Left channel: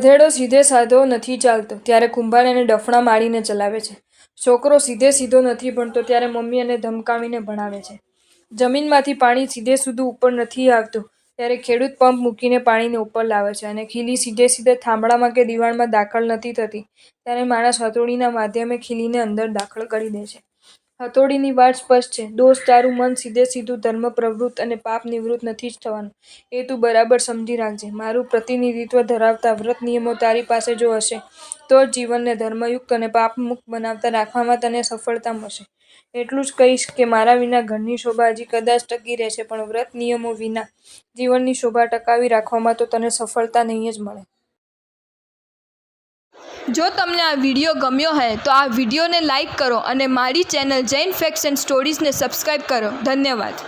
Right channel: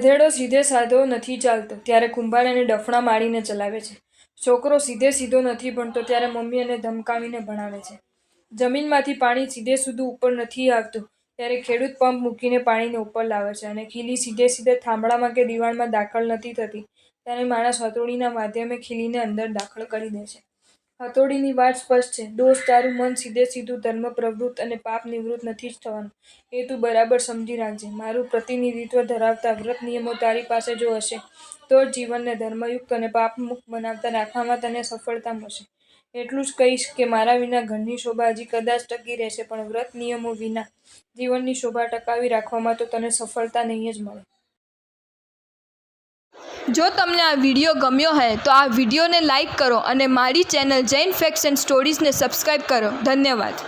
ગધેડો સીધે સાધો નથી ચાલતો ત્યારે કુંભાર એને ડફણા મારીને ચલાવે છે. છોકરો સીધે સીધો નથી ભણતો ત્યારે મમ્મી એને ધમકાવીને ભણાવે છે. જમીનમાંથી પાણી સીધે સીધું ઉપર નથી આવતું ત્યારે ખેડૂત પંપ મૂકીને પાણીને ઉપર લાવે છે. અને ખીલી સીધે સીધે થાંભલામાં કે દિવાળમાં દાખલ નથી થતી ત્યારે માણસ હથોડીના માધ્યમે ખીલીને અંદર દાખલ કરી દે છે. હથોડીની વાત સ્પષ્ટ છે. દોસ્ત, તારું મન સીધે સીધું ધર્મ પ્રવૃત્ત અને પાપ નિવૃત્ત નથી જ થવાનું એ તું બરાબર સમજી રાખજે. મારું પ્રતિનિધિત્વ ધરાવતા વ્રત નિયમો તારી પાસે જો હશે તો જ જીવનને ધર્મયુક્ત અને પાપમુક્ત બનાવતા રાખવામાં તને સફળતા મળશે. એટલું જ કહીશ કે મારા વિના ઘરની શોભા હજી કદાચ ટકી રહેશે પણ વ્રત નિયમો વિના જીવનની શોભા ટકાવી રાખવામાં તો તને સફળતા નહીં જ મળે. જો તમને આ વિડીયો ગમ્યો હોય તો આ વિડીયોને લાઈક કરો અને મારી ચેનલ જૈન ફેક્ટ્સ એન્ડ સ્ટોરીઝને સબસ્ક્રાઈબ કરો. ધન્યવાદ.